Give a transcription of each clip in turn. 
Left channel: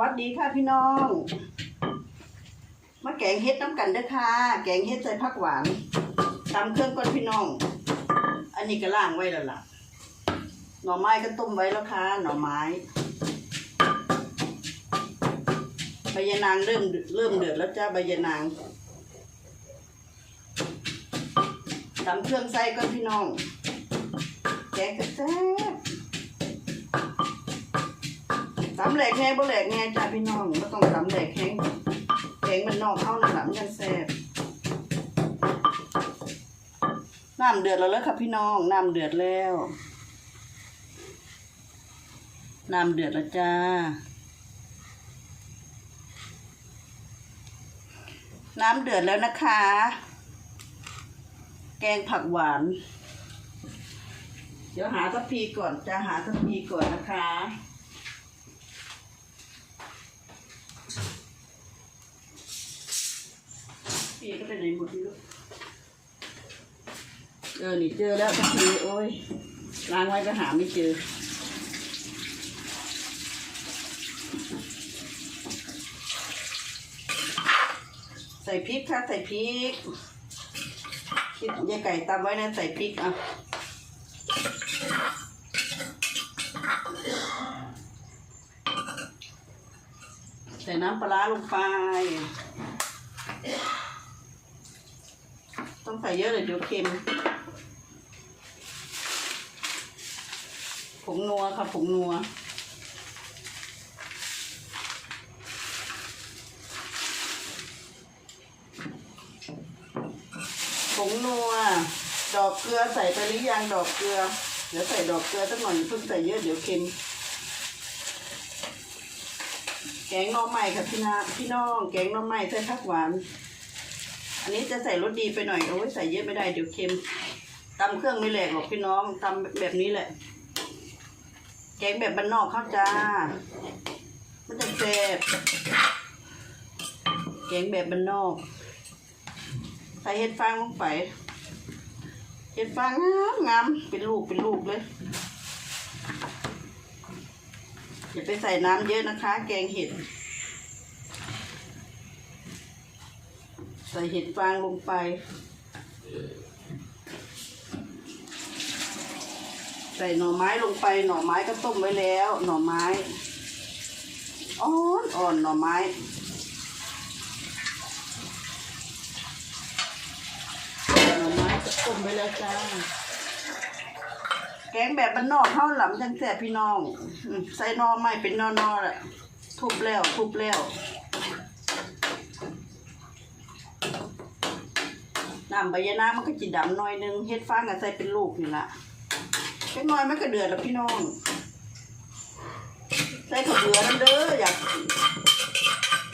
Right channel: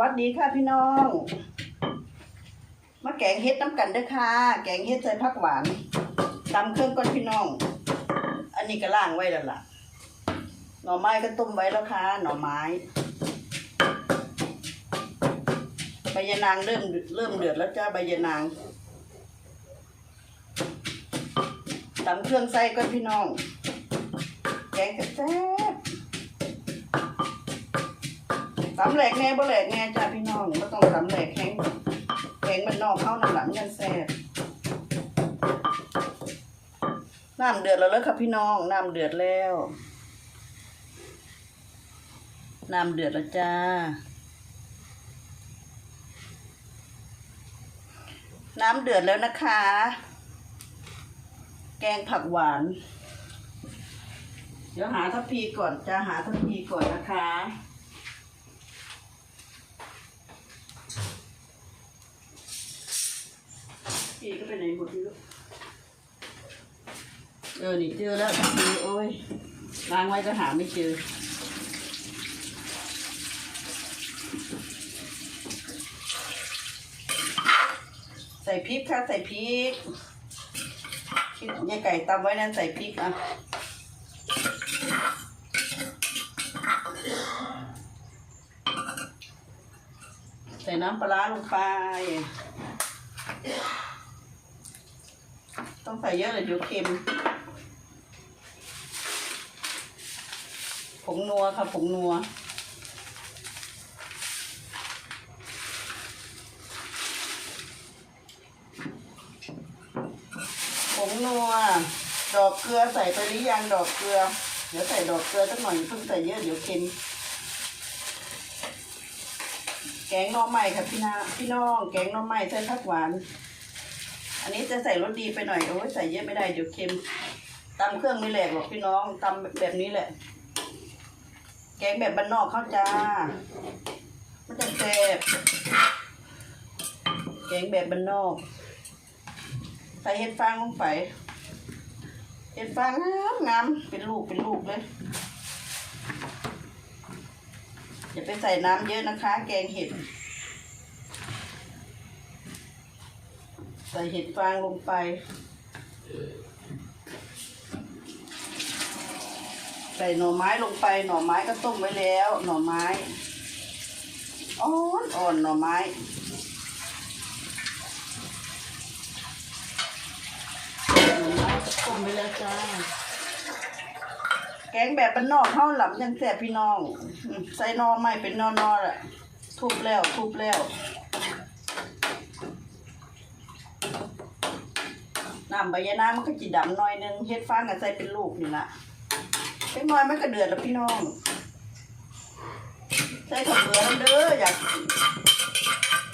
วัสดีค่ะพี่น้อง มาแกงเฮ็ดน้ำกันด้อค่ะ แกงเฮ็ดใส่ผักหวานตำเครื่องก่อนพี่น้อง อันนี้ก็ล่างไว้แล้วล่ะ หน่อไม้ก็ต้มไว้แล้วค่ะ หน่อไม้ใบยะนางเริ่มเริ่มเดือดแล้วจ้าใบยะนางตำเครื่องใส่ก่อนพี่น้อง แกงก็แซ่ ตำแหลกไงบ่แหลกไงจ้าพี่น้องก็ต้องตำแหลกแห้งแกงมันนอกเข้านั่นหละมันยังแซ่บน้ำเดือดแล้วเลยค่ะพี่น้องน้ำเดือดแล้วน้ำเดือดแล้วจ้าน้ำเดือดแล้วนะคะ แกงผักหวาน เดี๋ยวหาทัพพีก่อนจะหาทัพพีก่อนนะคะ พีก็ไปไหนหมดไม่รู้เออ นี่เจอแล้วทีโอ้ยล้างไว้ก็หาไม่เจอ ใส่พริกค่ะ ใส่พริกคิดยายไก่ตำไว้นะใส่พริกอะใส่น้ำปลาลงไป ใส่เยอะเลยเดี๋ยวเค็ม ผงนัวค่ะผงนัว ผงนัว ดอกเกลือใส่ไปหรือยังดอกเกลือ เดี๋ยวใส่ดอกเกลือสักหน่อยเพิ่งใส่เยอะเดี๋ยวเค็มแกงน่อไม้ค่ะพี่นาพี่น้อง แกงน่อไม้ใส่ผักหวาน อันนี้จะใส่รสดีไปหน่อย โอ้ยใส่เยอะไม่ได้เดี๋ยวเค็มตำเครื่องไม่แหลกหรอกพี่น้องตำแบบนี้แหละ แกงแบบบ้านนอกเขาจ้าไม่ต้องเจ็บแกงแบบบ้านนอก ใส่เห็ดฟางลงไป เห็ดฟางงามงามเป็นลูกเป็นลูกเลยอย่าไปใส่น้ำเยอะนะคะ แกงเห็ด ใส่เห็ดฟางลงไป ใส่หน่อไม้ลงไป หน่อไม้ก็ต้มไว้แล้ว หน่อไม้อ่อนอ่อนหน่อไม้หน่อไม้ก็ต้มไว้แล้วจ้าแกงแบบบ้านนอกเท่าหลำจังแสบพี่น้อง ใส่หนอไม้เป็นนอนๆแหละทุบแล้วทุบแล้วำใบยะนางมันก็จะดำหน่อยนึงเฮ็ดฟางก็ใส่เป็นลูกนี่ละเล็กน้อยมันก็เดือดแล้วพี่น้อง ใส่ข้าวเบือนั่นเด้ออยาก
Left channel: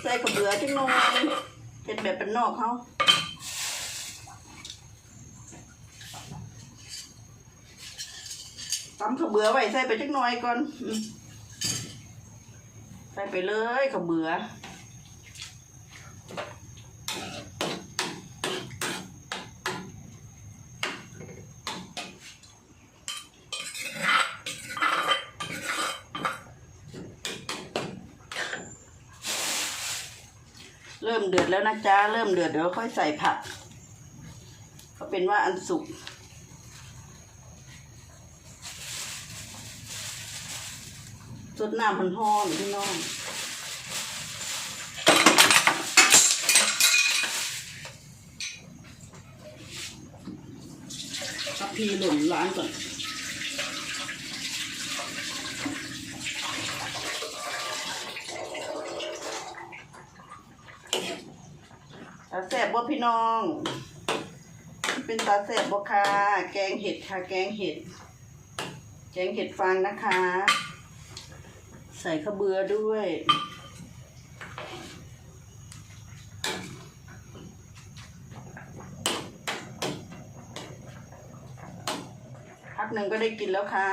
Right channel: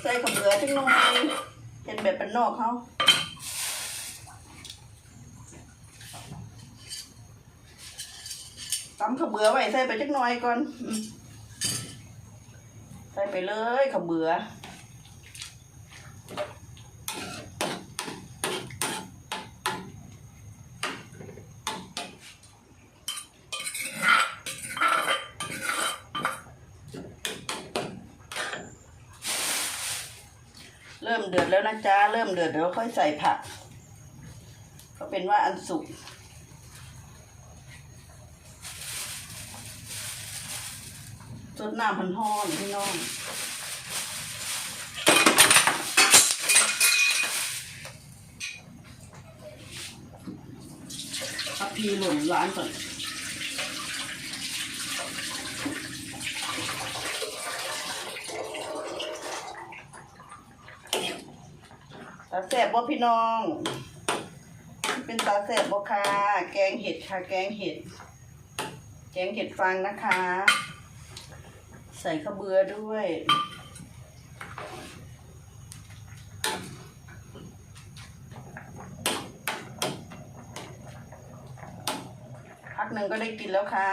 ใส่ข้าวเบือจังหน่อยเป็นแบบบ้านนอกเขาตำข้าวเบือไว้ใส่ไปจักหน่อยก่อนใส่ไปเลยข้าวเบือ เริ่มเดือดแล้วนะจ๊ะเริ่มเดือดเดี๋ยวค่อยใส่ผักก็เป็นว่าอันสุกสดน้ำมันห้อนพี่น้องเอาพีหล่นร้านก่อนาแสบบ่พี่น้อง เป็นตาแสบบ่ค่ะ แกงเห็ดค่ะ แกงเห็ด แกงเห็ดฟางนะคะ ใส่ข้าวเบือด้วยพักหนึ่งก็ได้กินแล้วค่ะ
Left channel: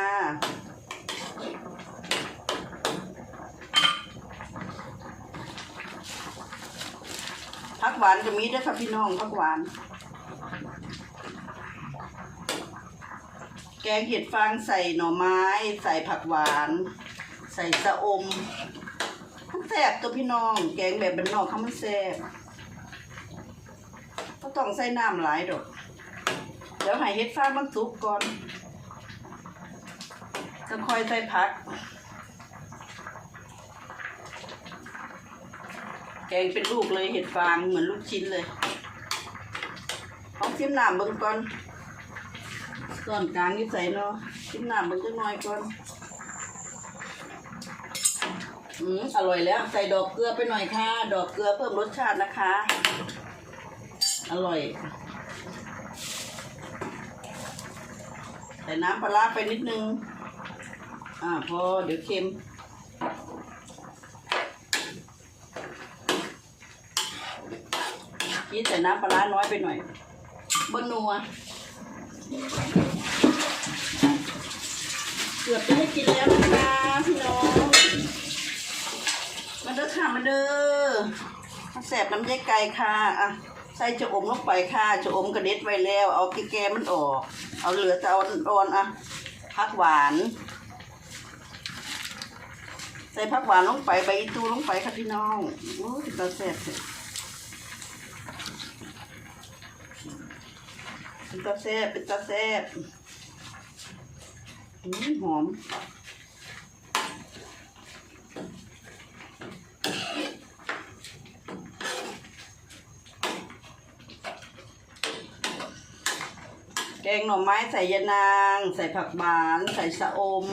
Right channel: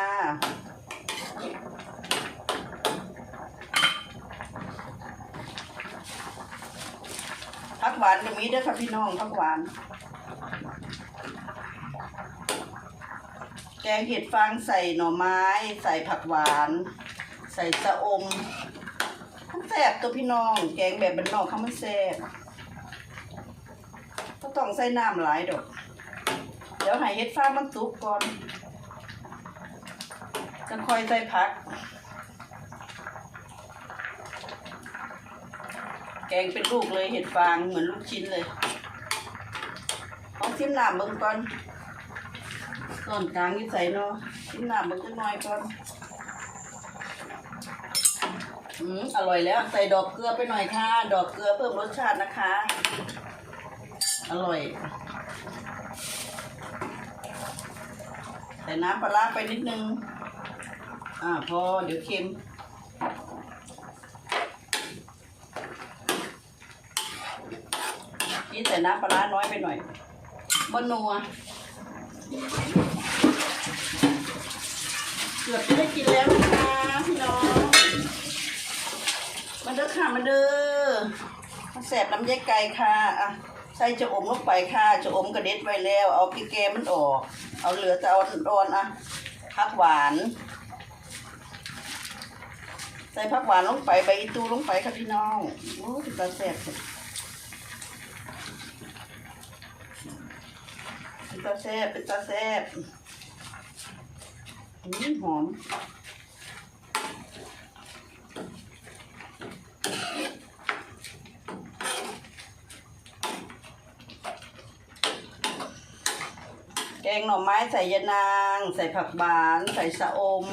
กหวานก็มีด้วยค่ะพี่น้องพักหวาน แกงเห็ดฟางใส่หน่อไม้ ใส่ผักหวาน ใส่สะอมมันแสซ่บตัวพี่น้อง แกงแบบบ้านนอกเขามันแซ่บก็ต้องใส่น้ำหลายดอก เดี๋ยวให้เฮ็ดฟ้ามันสุกก่อนจะค่อยใส่ผัก แก งเป็นลูกเลยเห็ดฟางเหมือนลูกชิ้นเลยเอาชิมหน้ำเบิ่งก่อนส่วนกลางนี่ใส่เนาะชิมหน้ำเบิ่งจักหน่อยก่อนอืมอร่อยแล้ว ใส่ดอกเกลือไปหน่อยค่ะ ดอกเกลือเพิ่มรสชาตินะคะ อร่อยใส่น้ำปลาร้าไปนิดนึง อ่าพอเดี๋ยวเค็ม นี่ใส่น้ำปลาร้าน้อยไปหน่อยบนนัว เกือบจะได้กินแล้วนะคะพี่น้อง มาเด้อค่ะมาเด้อมาแสบน้ำแยกไก่ค่ะอะใส่จะอมลงไปค่ะจะอมกระเด็ดไว้แล้ว เอาแกมันออก เอาเหลือแต่เอาอ่อนอะผักหวาน ใส่ผักหวานลงไปใบอีตูลงไปค่ะพี่น้องโอ้ยตาแสบ เลยเป็นตาแซ่บเป็นตาแซ่บอืมหอมแกงหน่อไม้ใส่ยะนาง ใส่ผักหวาน ใส่สะอม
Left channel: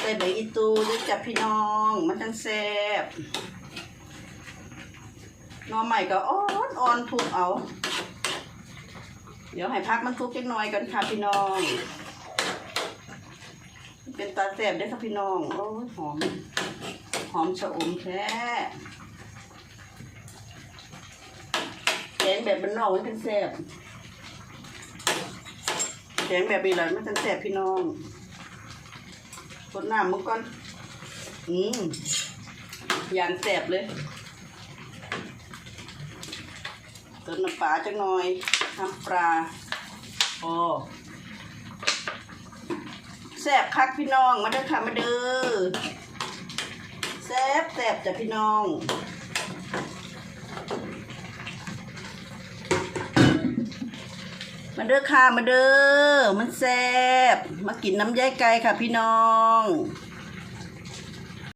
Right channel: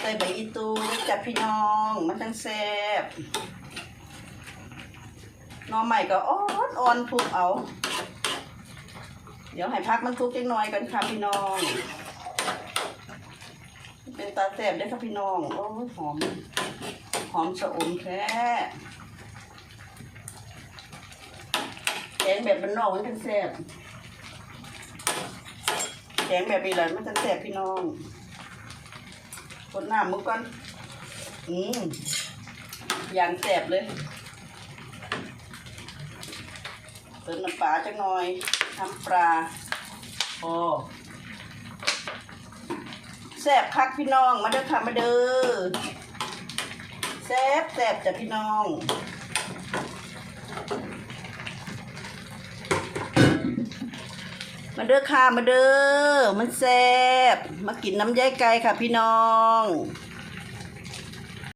ใส่ใบอีตูนี่จับพี่น้อง มันจังแซ่บหน่อใหม่ก็อ่อนอ่อนทุกเอา เดี๋ยวให้พักมันทุกจังหน่อยกันค่ะพี่น้อง เป็นตาแสบได้ค่ะพี่น้อง โอ้ยหอม หอมชะอมแท้แกงแบบบ้านนอกมันเป็นแสบแกงแบบนี้แหละมันเป็นแสบพี่น้องคนหน้ามุกก่อน อืมอย่างแสบเลยเติมน้ำปลาจังหน่อย น้ำปลาโอ้แซ่บคักพี่น้องมาเด้อค่ะมาเด้อแซ่บแซ่บจ้ะพี่น้องมาเด้อค่ะมาเด้อมันแซ่บมากินน้ำย้ายไก่ค่ะพี่น้อง